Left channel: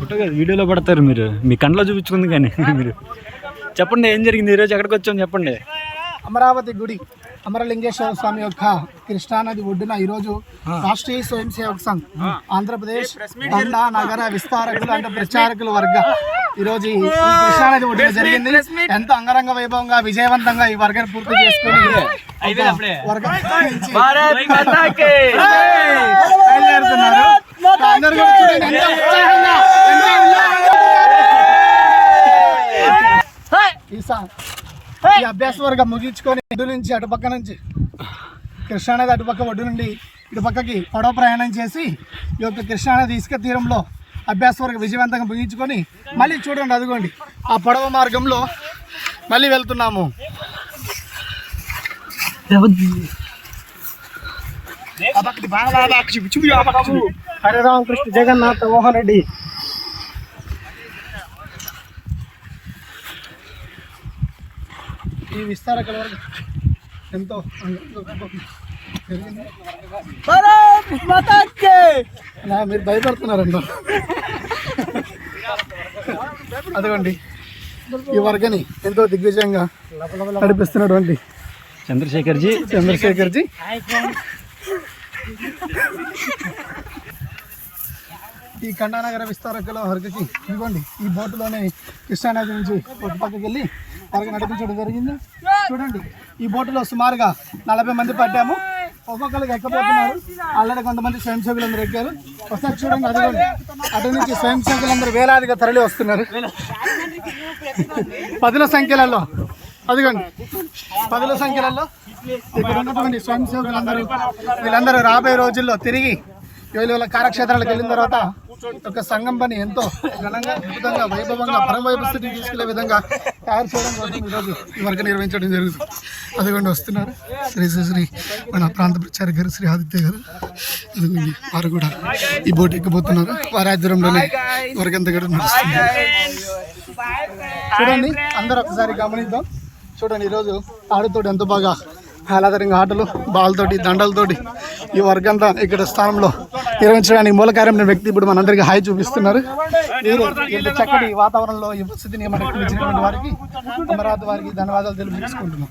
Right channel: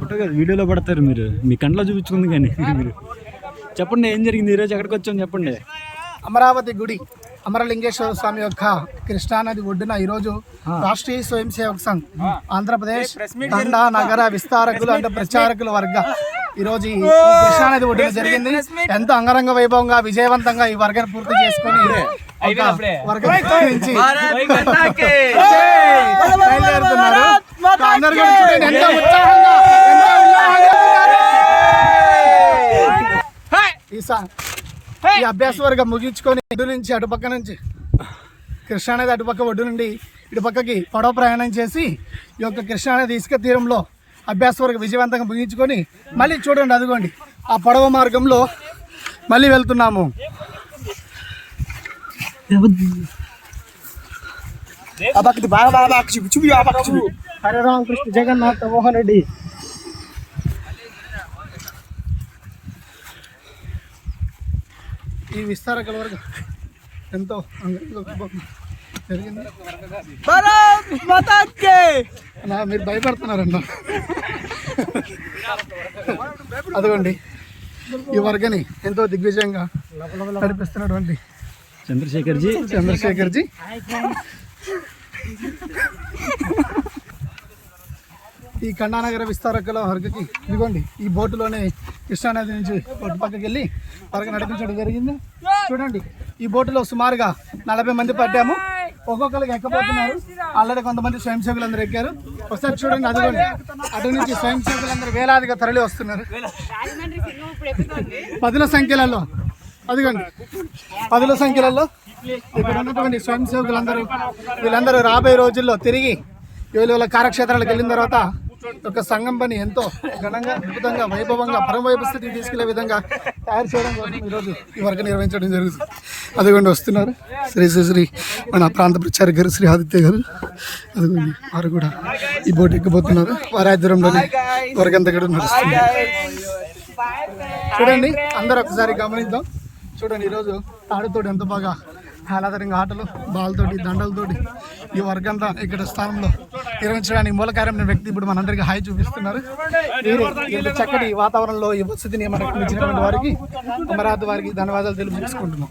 Photo కాదు వీడియోలో పడతారు మీరు. మీ కంట్లో చూపించుకుంది కానీ మీరు. చెప్పండి ఏం జరిగింది? ఈరోజు ఎక్కడికి వచ్చాం చెప్పండి. అమరావతి గుడి అమరలింగేశ్వర స్వామి యొక్క కృష్ణానది ఒడ్డున ఈరోజు రాష్ట్రీయ స్వయం సేవక్ సంఘ్ ఆంధ్రప్రదేశ్ దండా నగర విస్తారకులు అంటే ప్రచారకుల వర్గ. ఈరోజు ఈ కృష్ణానది ఒడ్డున జరిగింది. ఎంతో అంగరంగ వైభవంగా విజయవంతంగా ఈ వర్గాన్ని పూర్తి చేసుకుని వర్గం. అందరూ ఎంతో ఉత్సాహంగా, ఈ ఈ అభ్యాస వర్గం ముగించుకొని ఇటు నుంచి అటుపక్క నుంచి కృష్ణానది అటుపక్క ఒడ్డు నుండి ఇటు పక్కకి పడవ ప్రయాణం చేసి ఈ యొక్క కృష్ణానది ఇసుక తీరంలో అభ్యాస వర్గం విజయవంతంగా ముగించుకొని మళ్ళీ చూడండి అదిగోండి. ఆ పడవ మార్గంలో మళ్ళీ వెళ్తున్నాము. హరే రామకృష్ణ జగన్నాథ్ మోహన్ రెడ్డి. ఈ విస్తారకుల వరకు ఎంతో మీరు భయపడుతున్నారన్న అదిగోండి. ఈ వర్గని ఎంతో దిగ్విజయంగా నడిపిస్తున్నటువంటి చంద్రశేఖర్ జీ చంద్రశేఖర్ జీ ఈ ఖండానగర విస్తారకుల వర్గకి ఇదిగోండి ఈ బోటులోనే కృష్ణానది నుంచి బోటు పక్కకి వెళ్ళి వరకు నడిపించడం జరిగింది. చూడండి ఈ బోటులో సుమారుగా నలభై మంది పడ్డాము. ఒక్కొక్కరికి ఎక్కబోతున్నారు. ఆల్రెడీ కొంతమంది స్వయం సేవకులందరూ ఎక్కారు. ఒకసారి చూడండి అదిగోండి. అటు నుంచి స్వయం సేవకులందరూ వేలాదిగా తరలి వస్తున్నారు. పదుల సంఖ్యలలో అదిగోండి. పదుల సంఖ్యలలో ఇక్కడ ఉన్నటువంటి స్వయం సేవకులందరూ వీళ్ళందరూ రాబోయే రోజుల్లో తిరిగి వీళ్ళ వీళ్ళ కార్యక్షేత్రాలకు వెళ్ళిన తర్వాత ఒక సంఘం పని ఎంతో ఘనంగా అద్భుతంగా వైభవంగా పరమవైభ స్థితికి తీసుకెళ్ళే విధంగా తయారు చేయడం కోసం ఈరోజు ఈ వర్గ నిర్వహించడం జరుగుతుంది. అదిగోండి వస్తున్నారు. శ్రీ శ్రీ శ్రీ మన ప్రాంత ప్రచార గారు శ్రీ ఆదిత్య గారు. అదిగోండి వారు కూడా ఈ బోట్ ఎక్కిపోతున్నారు. వారి ఆధ్వర్యంలోనే వర్గంతా కూడా నడుస్తుంది. చూడండి అందరూ ఒకసారి గమనిద్దాం. చూడండి ఈరోజు ఆడుతోటి ఎంతో బాగా ఆహ్లాదరంగా ఆటలు బాల్తోటి దండలతోటి ఈ వర్గంతా ఇక్కడ స్థానంలో నిర్వహించడానికి మూల కార్యం వ్యక్తి ఇప్పుడు మనందరికీ హాయి చూపిస్తున్నారు. చక్కటి వాతావరణంలో ఈ వసతిని మనకు ఇచ్చినటువంటి వారికి అమరావతి వారికి ధన్యవాదాలు తెలియజేసుకుంటున్నాం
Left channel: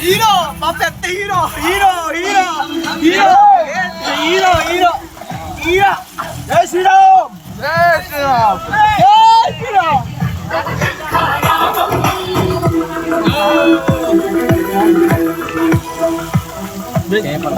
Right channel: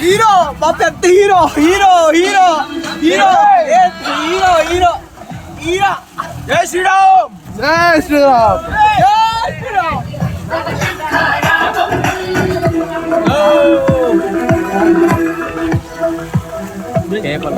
హీరో మా పెద్ద hero hero hero hero hero hero hero జై శ్రీరామ్ జై శ్రీరామ్ జై శ్రీరామ్ పేపర్